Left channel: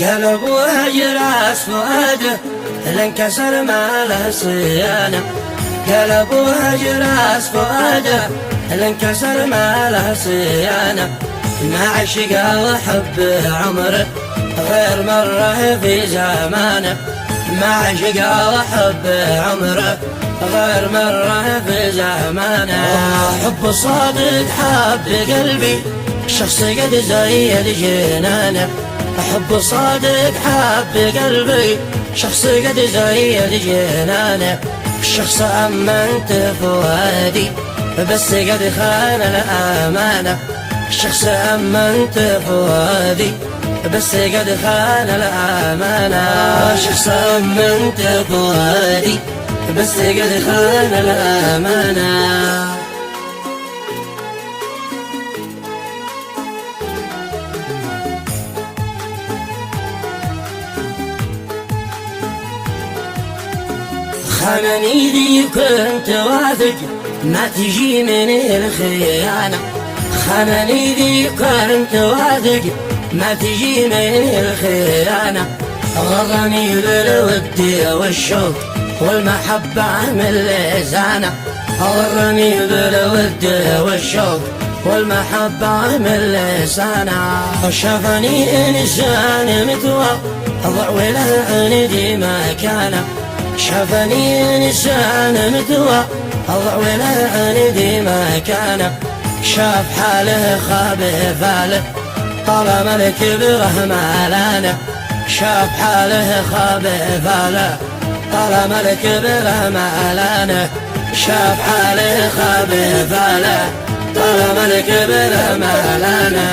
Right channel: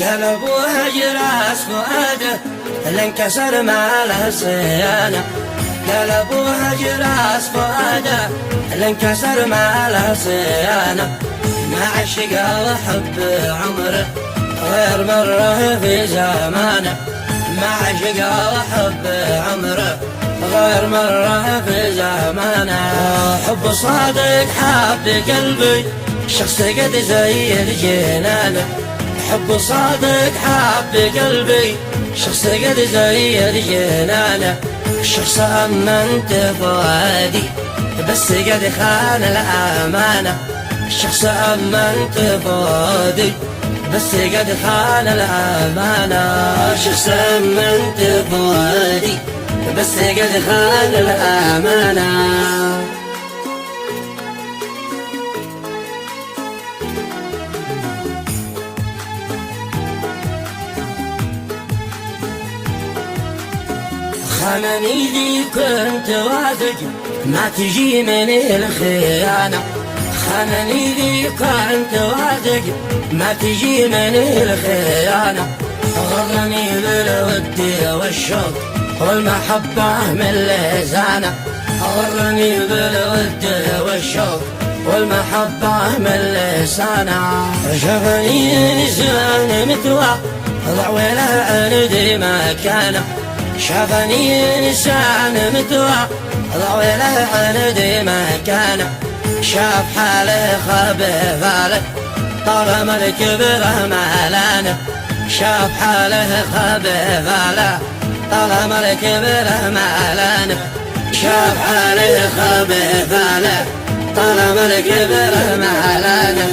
قلب وهجراس فؤاده لانكسر ما له صيانة. قلب وهجراس فؤاده لانكسر ما له صيانة. ما عشق وحب عمره غير مرة في زمانه. ما عشق وحب عمره غير مرة في زمانه. حب صادق حب قلبي شخص قد زين جنانه. حب صادق حب قلبي شخص قد زين جنانه. الشخص أمنت فؤادي بس قد خان الأمانة. الشخص أمنت فؤادي بس قد خان الأمانة. الشخص أمنت فؤادي بس قد خان الأمانة. خانني ذي كنت واثق ما تجي من الخيانة. خانني ذي كنت واثق ما تجي من الخيانة. غرني بالود والشوق والمحبة من لسانه. غرني بالود والشوق والمحبة من لسانه. شافني إنسان مثوى ضعوله عندي مكانه. شافني إنسان مثوى ضعوله عندي مكانه. شاف حاله خاب فاله طالما الكبر مالانه. شاف حاله خاب فاله طالما الكبر مالانه. شاف حاله خاب فاله طالما الكبر مالانه.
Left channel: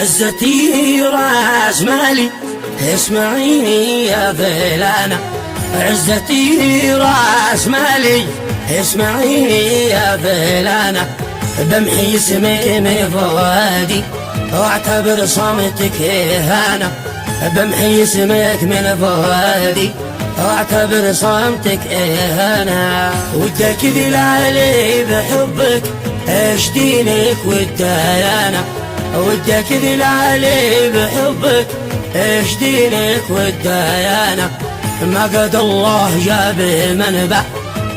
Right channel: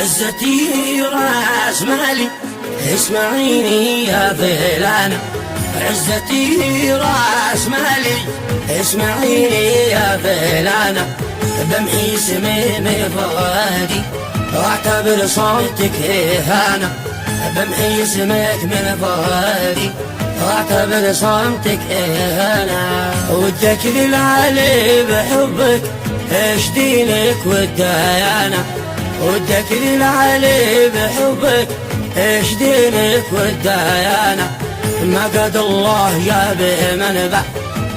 عزتي راس مالي اسمعيني يا فلانة. عزتي راس مالي اسمعيني يا فلانة. بمحي اسمي من فؤادي واعتبر صمتك إهانة. بمحي اسمك من فؤادي واعتبر صمتك إهانة. وتكذب علي بحبك ايش دينك والديانة. وتكذب علي بحبك ايش دينك والديانة. ما قد الله جاب منبع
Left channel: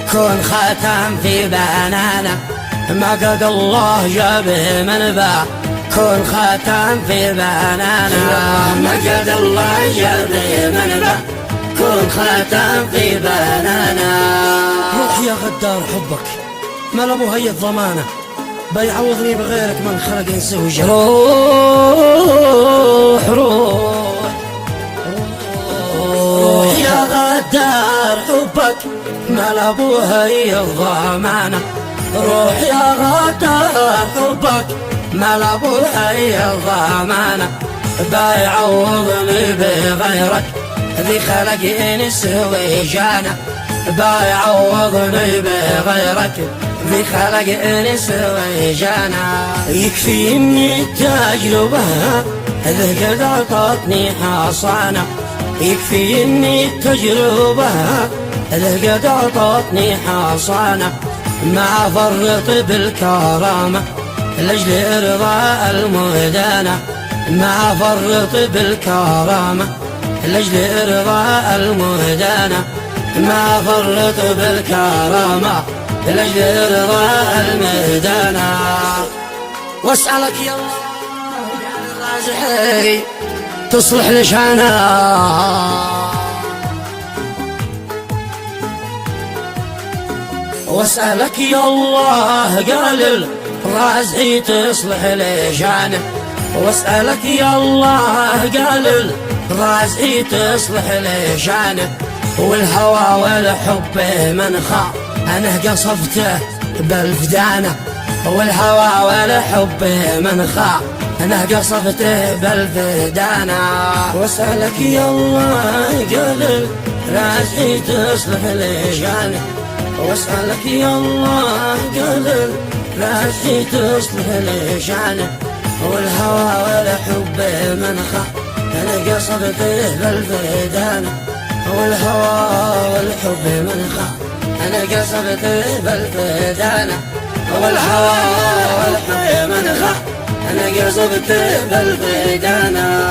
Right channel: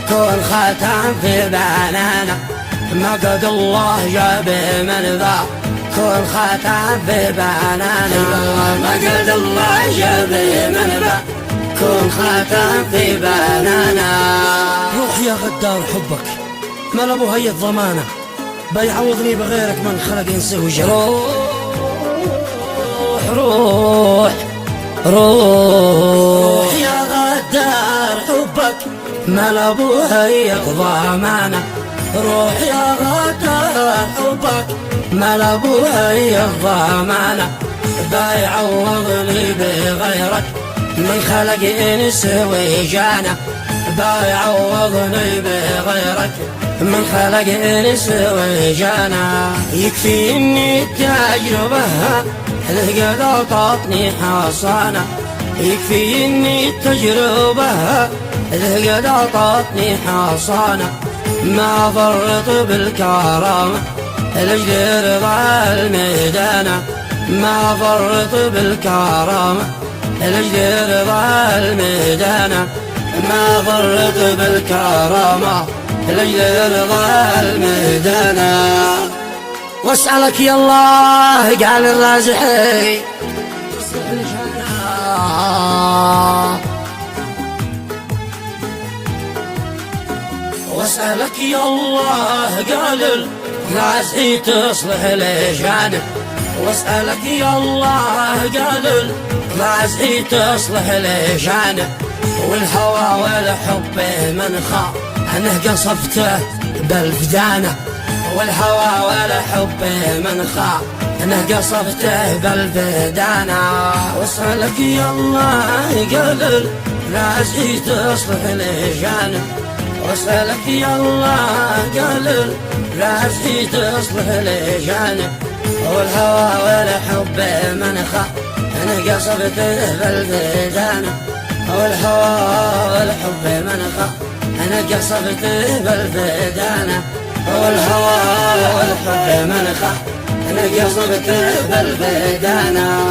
كون خاتم في بنانه. ما قد الله جاب منبع كون خاتم في بنانه. ما قد الله جاب منبع كون خاتم في بنانه. روح يا غدار حبك ما لابو هي الضمانة. بيعوضني بغيرك من خلق ينسى وجهك. روح روح روح يا غدار حبك ما لابو هي الضمانة. روح يا غدار حبك ما لابو هي الضمانة. بيعوضني بغيرك اللي خلق ينسى وجهك. بيعوضني بغيرك من خلق انس وجانا. يكفيني التجربة القد عطتني حصانة. يكفيني التجربة القد عطتني حصانة. ما فرط بالكرامة لاجل رضا الميدانة. ما فرط بالكرامة لاجل رضا الميدانة. ما فرط بالكرامة لاجل رضا الميدانة. واسألك يا الله قال الرازحي تصلح لشانا. واسألك يا الله قال الرازحي تصلح لشانا. واسألك يا الله قال الرازحي تصلح لشانا. والهوى والحب من خا أنا قصفته بالفدانة. والهوى والحب من خا أنا قصفته بالفدانة. واسألك يا الله قال الرازحي تصلح لشانه. واسألك يا الله قال الرازحي تصلح لشانه. والهوى والحب من خا أنا قصفته بالفدانة. والهوى والحب منخى أنا قصبت بالبدانة والهوى والحب منخى أنا قصبت بالبدانة